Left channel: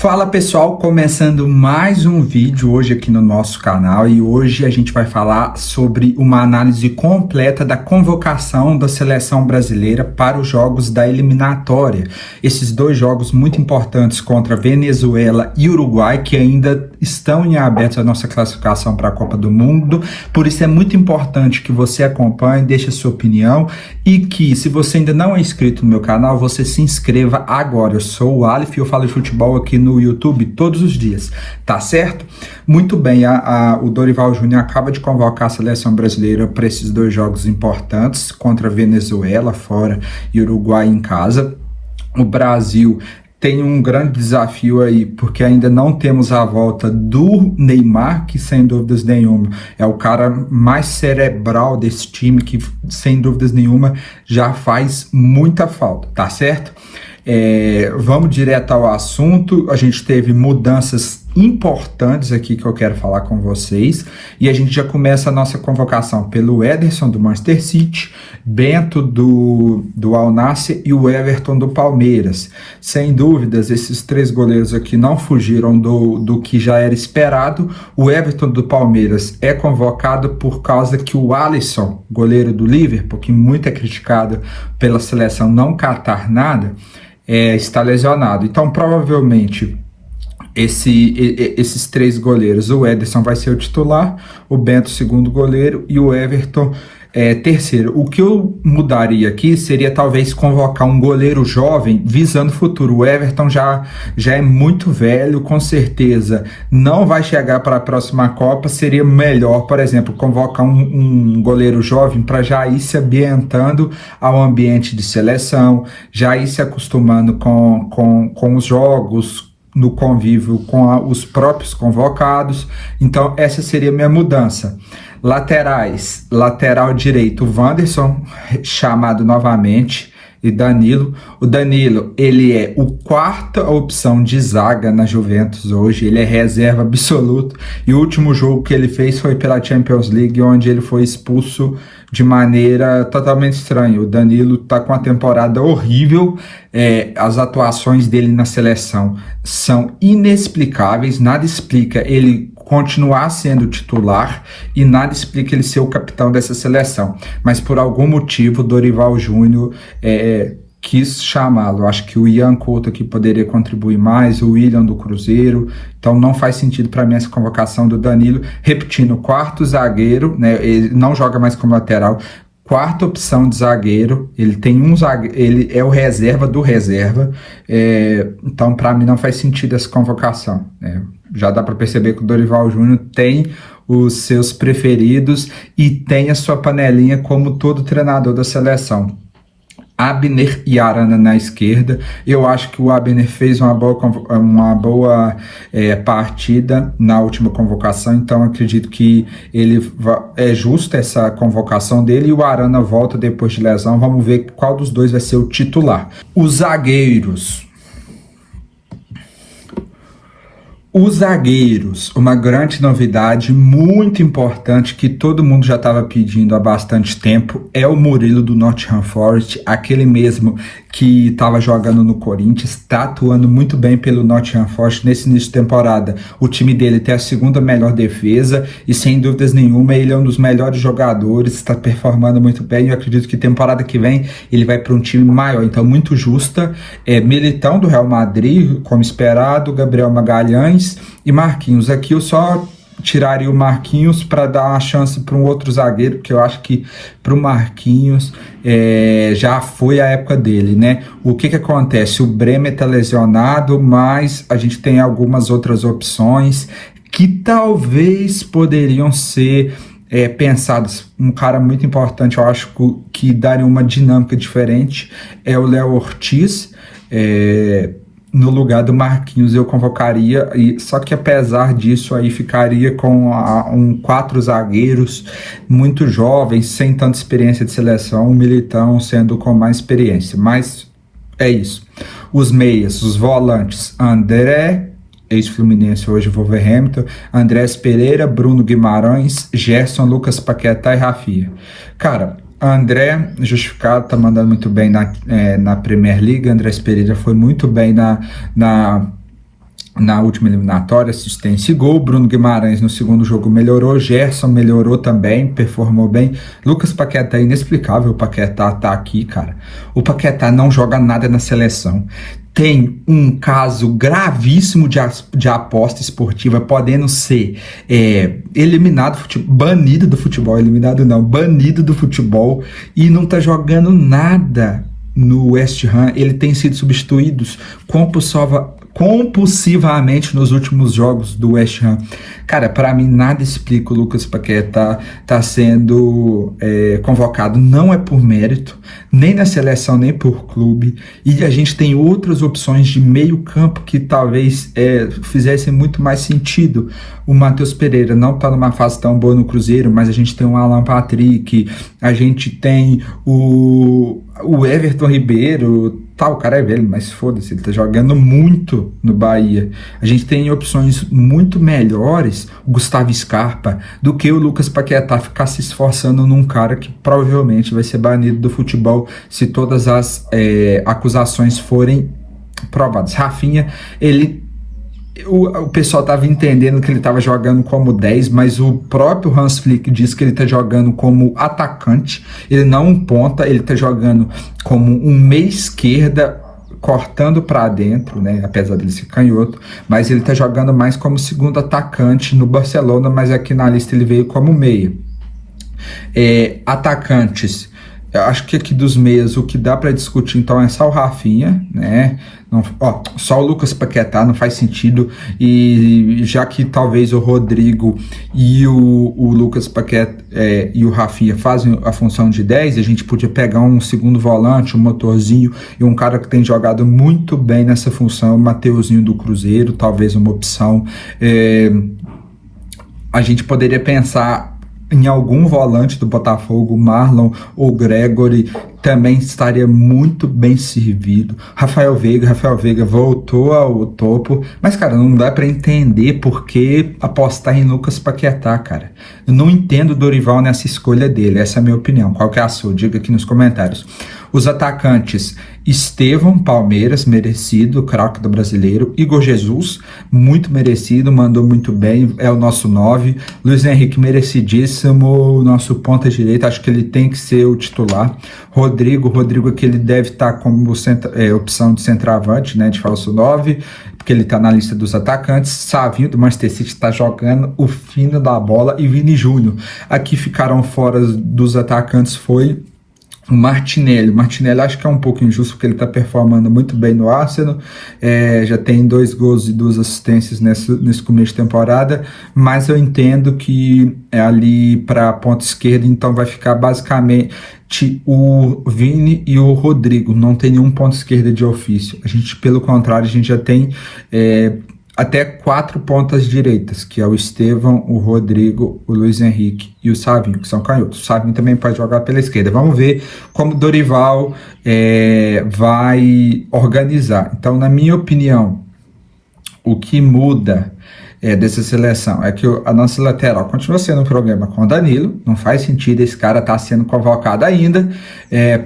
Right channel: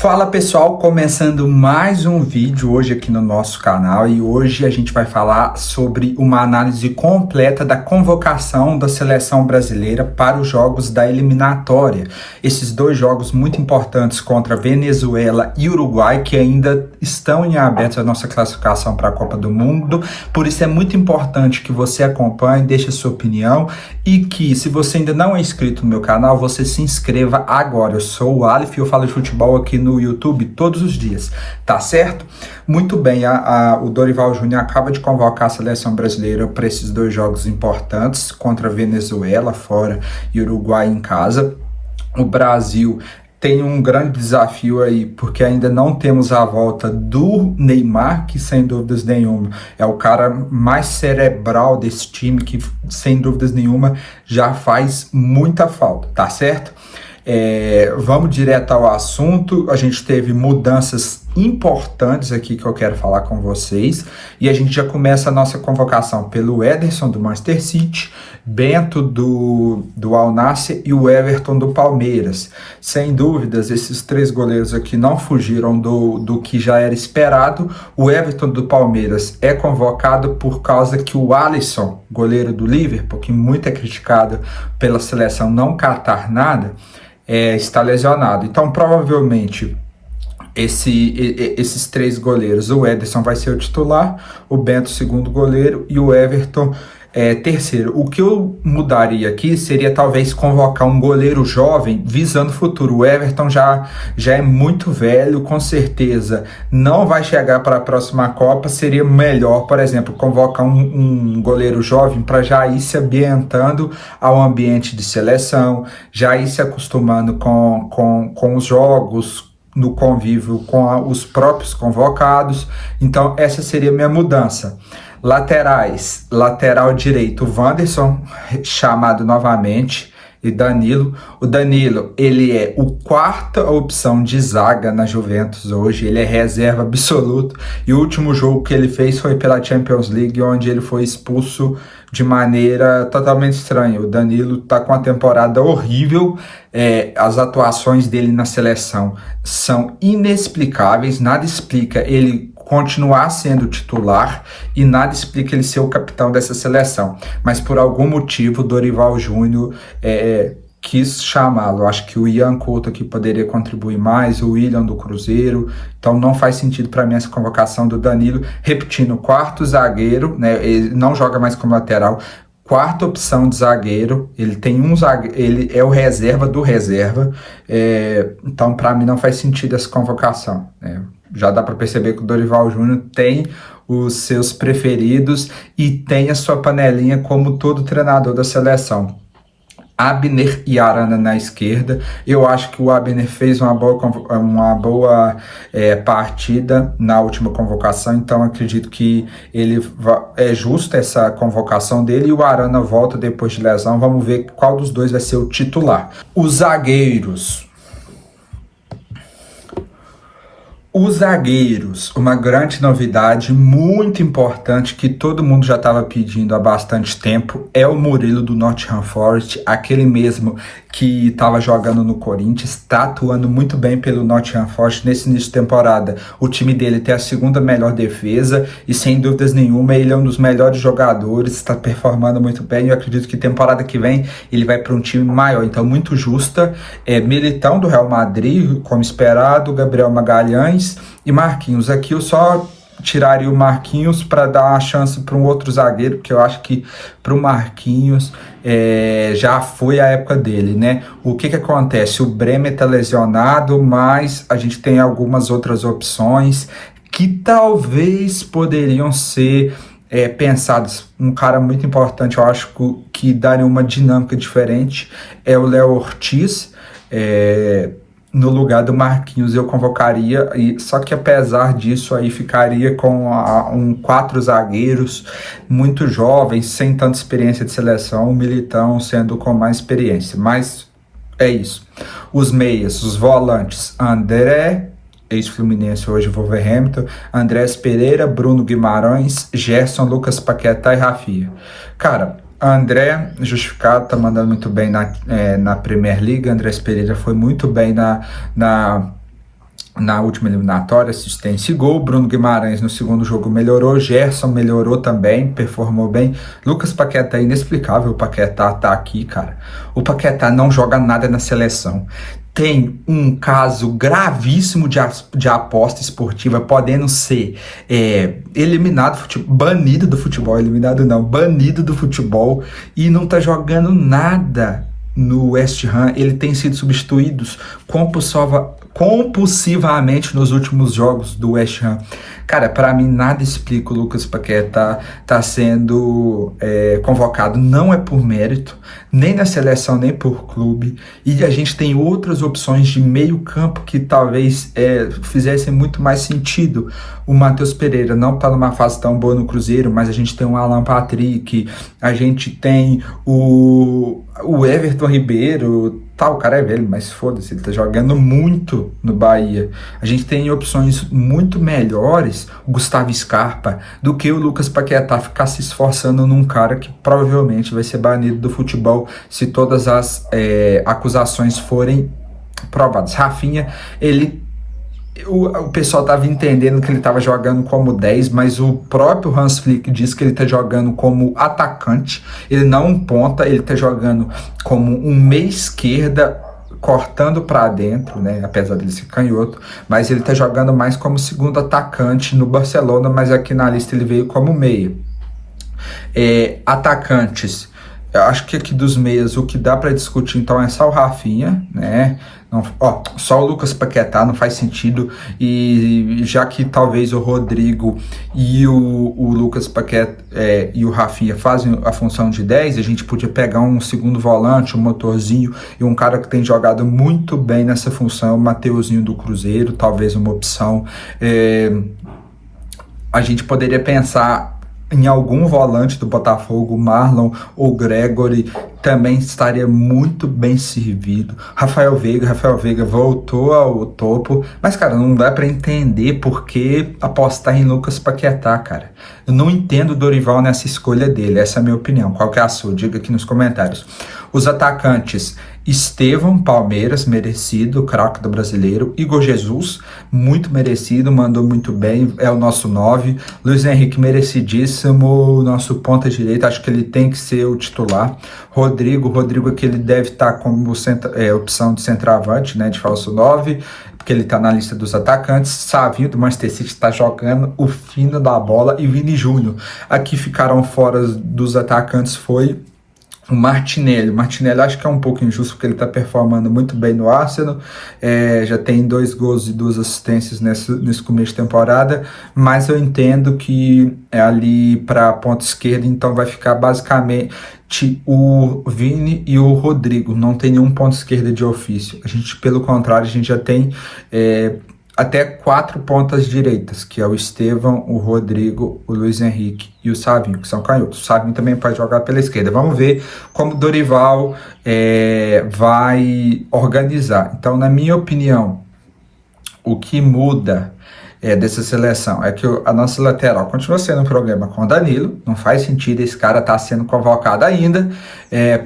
Fala pessoal, começando mais um vídeo hoje aqui no nosso canal e hoje a gente vai falar sobre uma análise completa da convocação da seleção brasileira para os jogos da eliminatória. Esses dois jogos muito importantes contra Venezuela e Uruguai que ainda estão em aberto a nossa classificação para a Copa do Mundo, por isso é muito importante que você acompanhe, deixe a sua opinião e que se você ainda não é inscrito no meu canal, você se inscreva agora. Eu sou o Aleph e eu falo de futebol aqui no YouTube todos os dias, tá certo? Muito bem, o Dorival Júnior acaba de convocar a seleção brasileira para esses dois jogos importantes, contra a Venezuela fora e Uruguai em casa. O Brasil tem um grande desafio aí, porque ainda não temos a volta do Neymar, que sem dúvidas nenhuma é o cara mais cerebral desse time, que sem dúvidas nenhuma já faz muita falta, tá certo? Vamos direto ao assunto. A gente teve mudanças importantes aqui que eu quero falar com vocês e a gente já começa a nossa convocação pelo Ederson do Manchester City, Bento do Al Nassr e o Everton do Palmeiras. Sem dúvidas, esses três goleiros aqui não fugiram do que já era esperado. O Everton do Palmeiras é convocado por causa que o Alisson, goleiro do Liverpool, que muito é criticado pela seleção não catar nada, está lesionado. Então, provavelmente, esses três goleiros, o Ederson vai ser o titular, o Bento segundo goleiro e o Everton terceiro. O que eu mudaria aqui seria talvez convocar um goleiro jovem visando o futuro. O Everton já é muito velho, com certeza não vai chegar para a próxima Copa. Seria melhor, por exemplo, convocar um goleiro jovem para já ir se ambientando ao ambiente de seleção, já ir se acostumando com os jogos, no convívio com os próprios convocados. Então essa seria a minha mudança. Laterais, lateral direito, Wanderson, chamado novamente, e Danilo. O Danilo, ele é a quarta opção de zaga na Juventus hoje, ele é reserva absoluto, e o último jogo que ele fez foi pela Champions League, onde ele foi expulso de maneira totalmente estranha. O Danilo tá com uma temporada horrível, as atuações dele na seleção são inexplicáveis, nada explica ele continuar sendo titular e nada explica ele ser o capitão dessa seleção, mas por algum motivo o Dorival Júnior quis chamá-lo. Acho que o Ian Couto aqui poderia contribuir mais, o William do Cruzeiro, então não faz sentido para mim essa convocação do Danilo. Repetindo, quarto zagueiro, né, ele não joga mais como lateral, quarta opção de zagueiro, ele tem um zagueiro, ele é o reserva do reserva, então para mim não faz sentido essa convocação, né? Já dá para perceber que o Dorival Júnior tem os seus preferidos e tem a sua panelinha como todo treinador da seleção. Abner e Arana na esquerda. Eu acho que o Abner fez uma boa partida na última convocação, então acredito que é justa essa convocação dele, e o Arana volta depois de lesão. Vamos ver qual dos dois vai ser o titular. Os zagueiros, uma grande novidade, muito importante, que todo mundo já estava pedindo há bastante tempo, é o Murilo do Nottingham Forest, aquele mesmo que estava jogando no Corinthians, está atuando muito bem pelo Nottingham Forest nesse início de temporada. O time dele tem a segunda melhor defesa e, sem dúvidas nenhuma, ele é um dos melhores jogadores, está performando muito bem. Eu acredito que temporada que vem ele vai para um time maior, então muito justa. Militão do Real Madrid, como esperado, Gabriel Magalhães e Marquinhos. Aqui eu só tiraria o Marquinhos para dar a chance para um outro zagueiro, porque eu acho que para o Marquinhos já foi a época dele, né? O que acontece? O Bremer está lesionado, mas a gente tem algumas outras opções que talvez poderiam ser pensados. Um cara muito importante, eu acho que daria uma dinâmica diferente, é o Léo Ortiz. No lugar do Marquinhos eu convocaria, só que apesar disso aí ficaria com quatro zagueiros muito jovens, sem tanta experiência de seleção, o Militão sendo com mais experiência, mas é isso. Os meias, os volantes, André, ex-Fluminense, hoje Wolverhampton, Andrés Pereira, Bruno Guimarães, Gerson, Lucas Paquetá e Rafinha. Cara, André, justificado, tá mandando muito bem na Premier League. Andrés Pereira foi muito bem na na última eliminatória, assistência e gol. Bruno Guimarães no segundo jogo melhorou, Gerson melhorou também, performou bem. Lucas Paquetá é inexplicável, o Paquetá tá aqui, cara. O Paquetá não joga nada na seleção. Tem um caso gravíssimo de aposta esportiva, podendo ser eliminado, banido do futebol, eliminado não, banido do futebol, e não tá jogando nada no West Ham. Ele tem sido substituído compulsivamente nos últimos jogos do West Ham. Cara, para mim nada explica o Lucas Paquetá tá sendo convocado, não é por mérito, nem na seleção, nem por clube, e a gente tem outras opções de meio campo que talvez fizessem muito mais sentido. O Matheus Pereira não tá numa fase tão boa no Cruzeiro, mas a gente tem o Alan Patrick, a gente tem o Everton Ribeiro, o cara é velho, mas foda-se, ele tá jogando muito no Bahia. A gente tem opções muito melhores, o Gustavo Scarpa, do que o Lucas Paquetá ficar se esforçando num cara que provavelmente vai ser banido do futebol se todas as acusações forem provadas. Rafinha, o pessoal estava entendendo que ele estava jogando como 10, mas o próprio Hans Flick diz que ele está jogando como atacante, ele não um ponta, ele está jogando como um meia esquerda, cortando para dentro, né? Apesar dele ser canhoto, mas ele está jogando mais como segundo atacante no Barcelona, mas aqui na lista ele veio como meia. Atacantes, eu acho que aqui dos meias o que dá para discutir então é só o Rafinha, né? Não, só o Lucas Paquetá não faz sentido, e já que talvez o Rodrigo e o Lucas Paquetá e o Rafinha fazem a função de 10, a gente podia pegar um segundo volante, um motorzinho, e um cara que tem jogado muito bem nessa função, o Mateuzinho do Cruzeiro, talvez uma opção. A gente poderia pensar em algum volante do Botafogo, Marlon ou Gregory, também estaria muito bem servido. Rafael Veiga voltou ao topo, mas, cara, não dá para entender por que apostar em Lucas Paquetá, cara. Eu não entendo o Dorival nessa escolha dele, essa é a minha opinião. Qual que é a sua? Diga aqui nos comentários. Os atacantes: Estevão, Palmeiras, merecido, craque do Brasileiro. Igor Jesus, muito merecido, mandou muito bem, é o nosso 9. Luiz Henrique, merecidíssimo, nosso ponta direita, acho que ele tem que ser o titular. Rodrigo que ele deve estar como opção de centroavante, né, de falso 9, porque ele está na lista dos atacantes. Savinho do Manchester City está jogando o fino da bola, e Vini Júnior. Aqui ficaram fora dos atacantes foi o Martinelli. Acho que é um pouco injusto, porque ele está performando muito bem no Arsenal, já tem 2 gols e 2 assistências nesse começo de temporada, mas eu entendo que ali para a ponta esquerda, então vai ficar basicamente o Vini e o Rodrigo, não tem nenhum ponto esquerda de ofício. Pelo contrário, a gente já tem até 4 pontas direitas, que é o Estevão, o Rodrigo, o Luiz Henrique e o Savinho, que são canhotos. O Savinho também pode jogar pela esquerda. Vamos ver como o Dorival vai organizar. Então, na minha opinião, o que muda dessa seleção é que a nossa lateral continua sendo um problema com o Danilo. Não faz sentido esse cara estar sendo convocado ainda.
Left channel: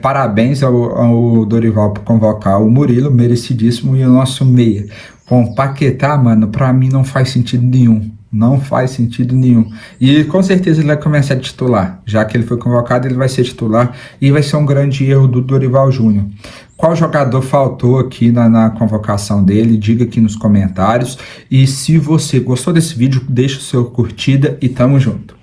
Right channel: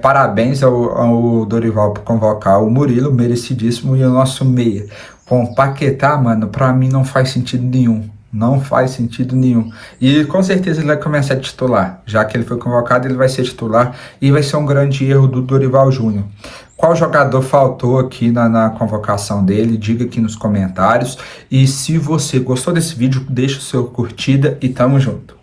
Parabéns ao Dorival por convocar o Murilo, merecidíssimo. E o nosso meia com o Paquetá, mano, pra mim não faz sentido nenhum. Não faz sentido nenhum. E com certeza ele vai começar a titular. Já que ele foi convocado, ele vai ser titular, e vai ser um grande erro do Dorival Júnior. Qual jogador faltou aqui na convocação dele? Diga aqui nos comentários. E se você gostou desse vídeo, deixa o seu curtida e tamo junto.